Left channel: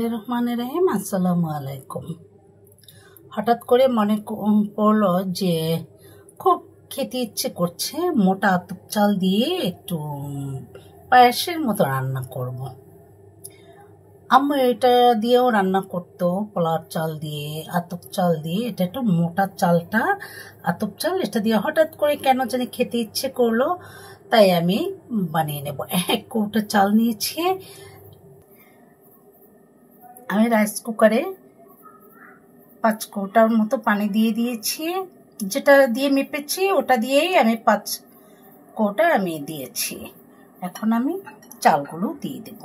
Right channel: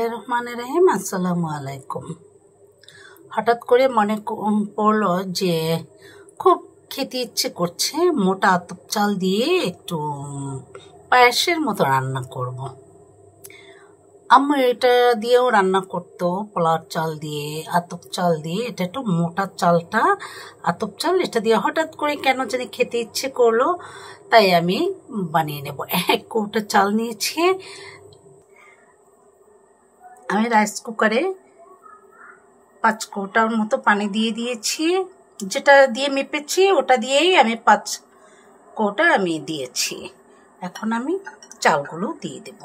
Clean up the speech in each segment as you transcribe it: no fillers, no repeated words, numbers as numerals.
রহমানির রহিম। আসসালামু আলাইকুম। হঠাৎ করে মনে পড়লো যে খুব খেতে ইচ্ছে করছে, মোটা আতপ চাল দিয়ে একটু পায়েসের মতো রান্না করব। আম্মু এটা দিয়েও রান্না করতো, পোলার চাল দিয়ে, আতপ চাল দিয়ে। এটা একটু মোটা চালটা, আতপ চাল, এটা দিয়ে হঠাৎ করে কেন জানি খেতে ইচ্ছে করলো, তাই আমি বানিয়ে নেব। 1 কৌটা চাল নিয়েছি। আমি রাইস কুকারে 5 কৌটার মতো পানি দিয়ে দিয়েছি। যেটা দিয়ে মেপেছি ওটা দিয়েই আমি 5 কৌটা আমি দিয়েছি। এখন আমি চালগুলো দিয়ে দেব।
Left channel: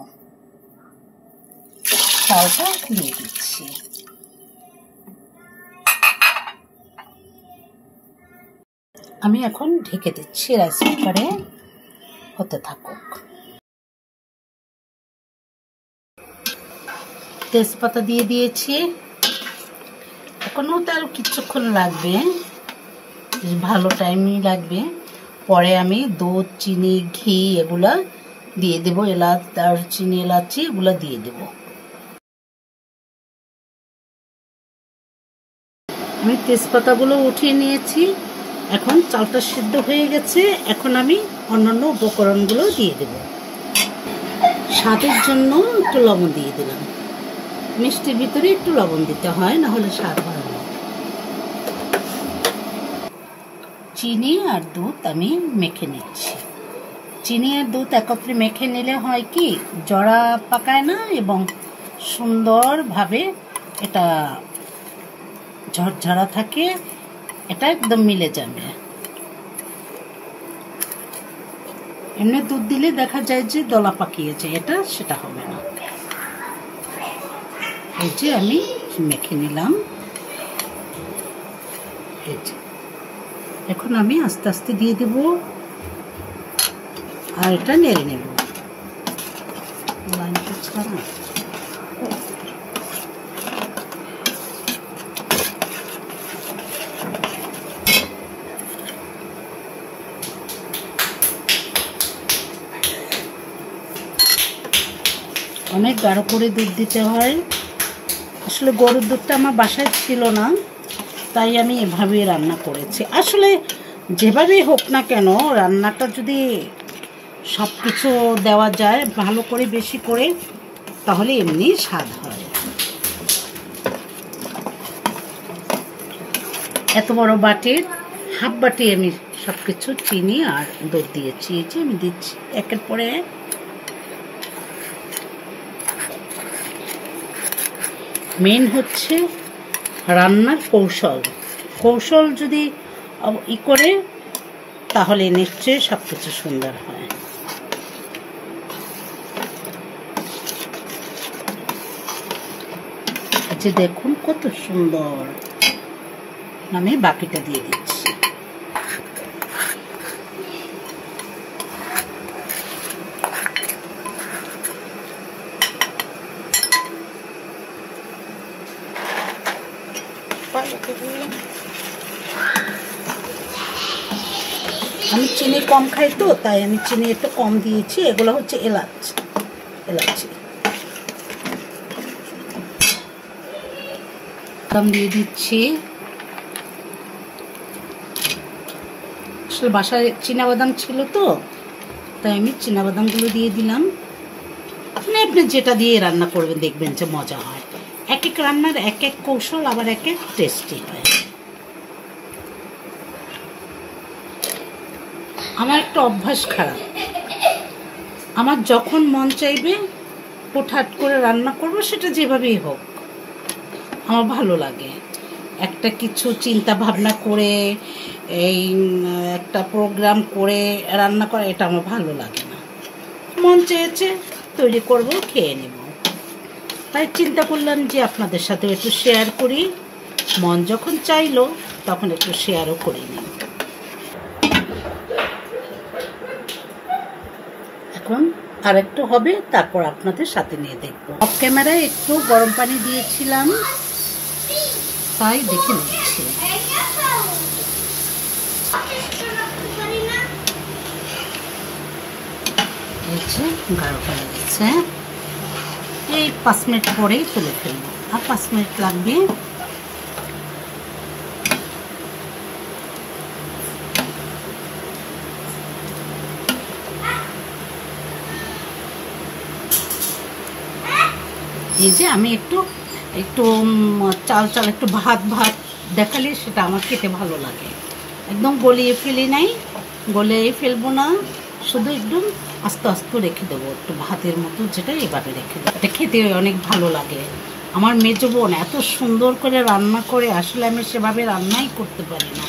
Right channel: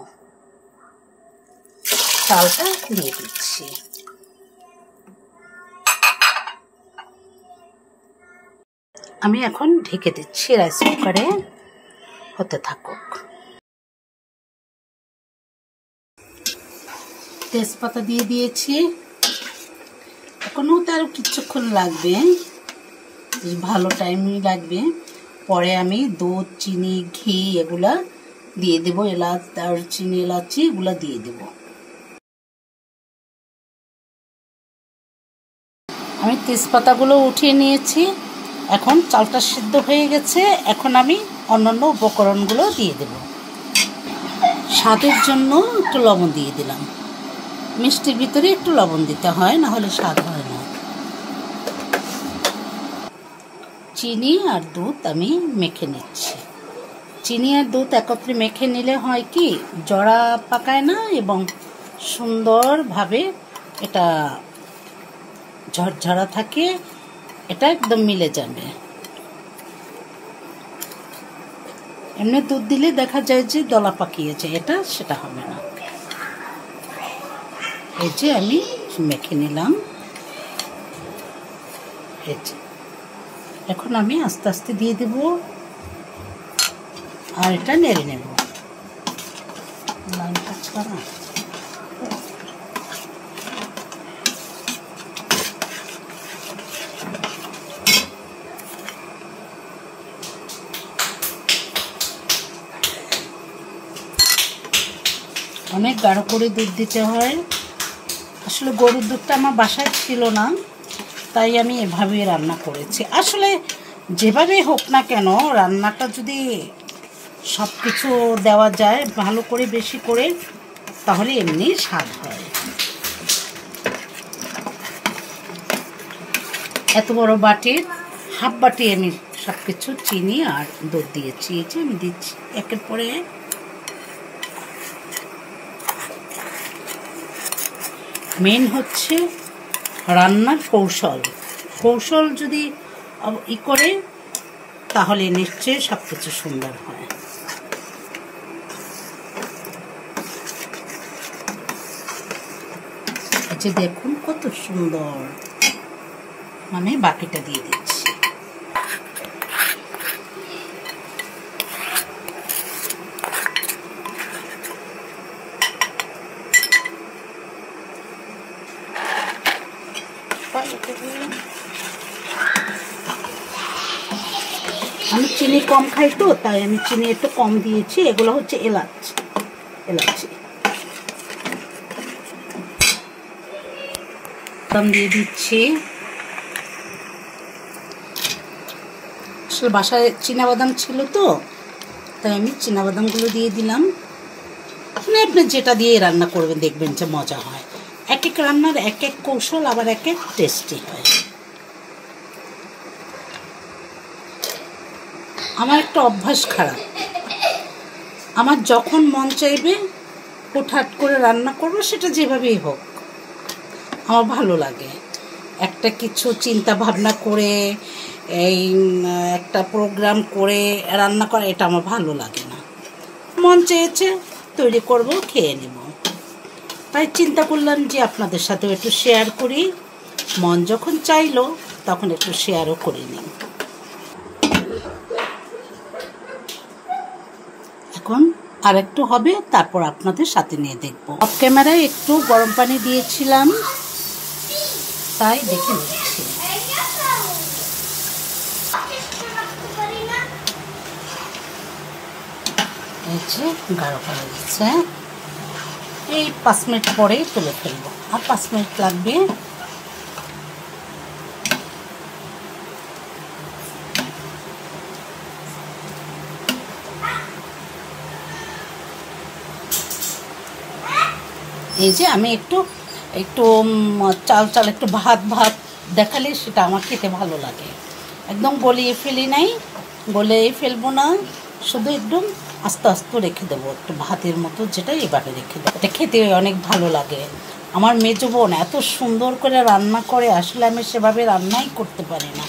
চালটা দিয়ে দিচ্ছি। আমি এখন ঢেকে দিচ্ছি, রাইস কুকারে হতে থাকুক। তেজপাতা দিয়ে দিয়েছি। এখনও তো আরো কিছুক্ষণ লাগবে, ভালো টাইমই লাগবে। পরে আমি দুধ, চিনি, ঘি এগুলা দিয়ে দেবো, এলাচ, দারচিনি, এলাচি এগুলা দিয়ে দেব। আমি তেজপাতাগুলো উঠিয়ে নিয়েছি। এখন চালটা সিদ্ধ হয়ে গেছে। এখন আমি অন্যান্য উপকরণগুলো দিয়ে দেব। স্বাদের জন্য একটু লবণ দিয়ে দিলাম। মিষ্টির ভিতরে একটু লবণ দিতে হয়, না হলে স্বাদ হয় না। চিনি আর দুধ আমি মেখে নিচ্ছি। চিনি আর দুধ একত্রে মেখে নিলে হয় কি, জড়া পাকায় না এবং সুন্দরভাবে এটা ঝরঝরা থাকে। এটা একদম মিলে যাবে। এমনি দুধ দিলে দেখা যায় যে দলা পাকিয়েছে, এটা সেটা হবে না। এই যে আমি মেখে নিলাম। এই যে এখন আমি আস্তে আস্তে দিয়ে দেব আর এটা নেড়ে নেব। লাইনটা ছাড়া অনেক গাঢ় করে দুধ দিতে হয়। আসলে গরুর দুধটা আমার বাসায় ছিল না, তাই আমি এভাবেই রান্না করেছি। আসলে যেভাবেই হোক না কেন, রান্নাটা যদি সব কিছু দেওয়া যায় ভালো করে, বেশি করে, তাহলে এমনি স্বাদ হয়। এত বড় বাটির হাফ বাটি আমি সব কিছু চিনি আর দুধ দিয়েছি। এই যে আমি দিচ্ছি একের পরে। মেন হচ্ছে রান্নার কৌশল। কৌশল যদি করে তাহলে নিশ্চয়ই সব কিছু সুন্দর হয়। যে দেখুন কত সুন্দর। আমি বাকিটা দিয়ে দিচ্ছি। আমি চিনি কম খাই তো, তাই আমি চিনি একটু কম দিয়েছি। এগুলো হচ্ছে এলাচি কম দিয়ে দিচ্ছি। আসলে বাসায় চীনাবাদাম ছিল তো, তাই আমি চীনাবাদামগুলো দিয়ে দিলাম। মানে আপনি যেটা দিয়ে রান্না করবেন দেখবেন যে মজা হয়। এক এক রান্নার এক এক কৌশল, আবার এক এক টেস্টি হয়। আমার একটা অভ্যাস খারাপ। আমার যখন মন চাইবে হুটহাট করে রান্না করবো, সেটা যেভাবেই হোক আমার ভালো লাগে। একটা কিছু চিন্তা ভাবনা করে, এই একটা প্রোগ্রাম করে রান্না করা, এটা আমার ভালো লাগে না। মন চেয়েছে তৈরি করব, খেয়ে নেব। তাই চিন্তা করলাম যে আপনাদের সাথে একটু শেয়ার করি। মন যখন চাইলো তখন একটু শেয়ারও করে নিই। এখন আর একটু হবে, তারপর আপনাদের সাথে নিয়ে দেখবো। অফ ক্যামেরায় একটু গরম পানি দিয়েছিলাম, তাই দেখে নিচ্ছি। গাঢ় করা গেছে। এই 5 মিনিট পরেই তুলে ফেলবো, আর 5 মিনিট লাগবে। এই যে আমি একটু একটু চাল চাল একটু ভাত ভাত দেখালে সেটা আমার খেতে ভালো লাগে। একদম গলিয়ে ফেলি নাই, গলিয়ে ফেলবো না, শুধু একদম আস্তে আস্তে রেখে দেবো, একটু ভাতের মতো, যেটা এইভাবে রেখে দেবো। এটা খেতে অনেক ভালো লাগে। আমার মেজো বোন এত সুন্দর করে রান্না করে, আসলে আমি সেভাবে রান্নাই করতে পারি না।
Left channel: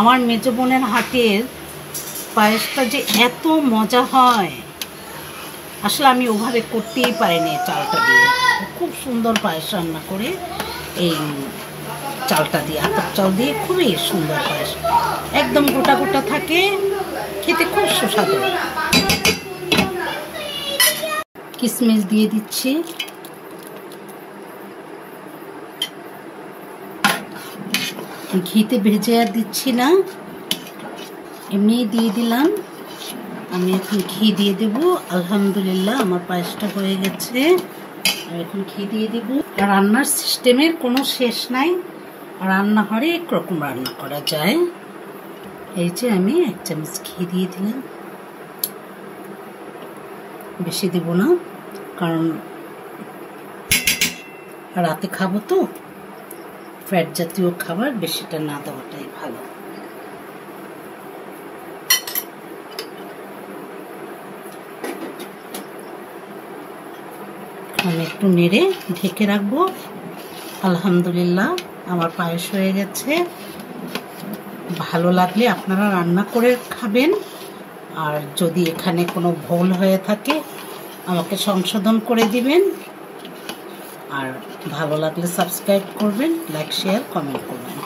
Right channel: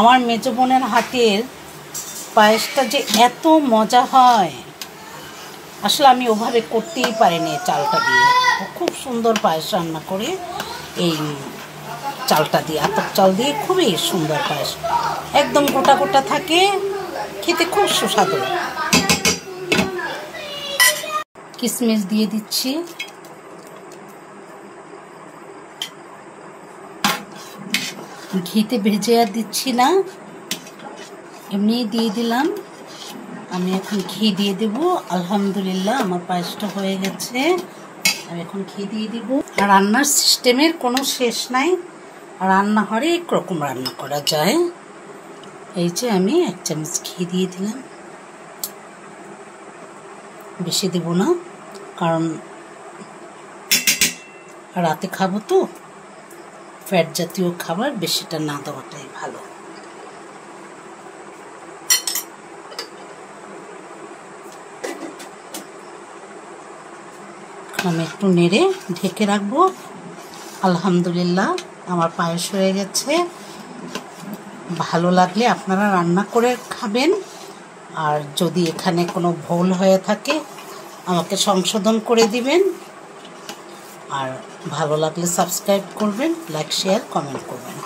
আমার মেজো বোনের হাতের পায়েসটা যে এত মজা হয়, আসলে আমি ওভাবে করতেই পারিনি চালটা দিয়ে। খুব সুন্দর পায়েস রান্না করে এই চালটা দিয়ে, আতপ চাল দিয়ে খুবই সুন্দর পায়েস, একদম গোটা গোটা থাকে, খেতে খুব সুস্বাদু। কিশমিশ দিয়ে দিচ্ছি, ঘিতে ভেজে আর দিচ্ছি না, এমনি দিয়ে দিলাম। আমি এখন ঘি দিয়ে দেবো। আলহামদুলিল্লাহ আমার পায়েসটা হয়ে গেছে। আর এখন ঘি দিয়ে দিব। রান্নার সিস্টেমের কোনো শেষ নাই, রান্না হরেক রকম রান্না করা যায়। এই যে আমি 1 চামচ ঘি দিয়ে দিলাম, বেশি দিব না, কারণ রাতে খাবো তো, ফ্যাট জাতীয় খাবার বেশিটা না দেওয়াটাই ভালো। আমি একটু নেড়ে ঢেকে রাখবো। আলহামদুলিল্লাহ আমার পায়েস হয়ে গেছে। ভালো লাগলে আপনারা রান্না করে খাবেন, আর যদি এখানে কোনো ভুল হয়ে থাকে আমাকে সংশোধন করে দিবেন, আর ভালো লাগলে সাবস্ক্রাইব করবেন, লাইক শেয়ার কমেন্ট করবেন।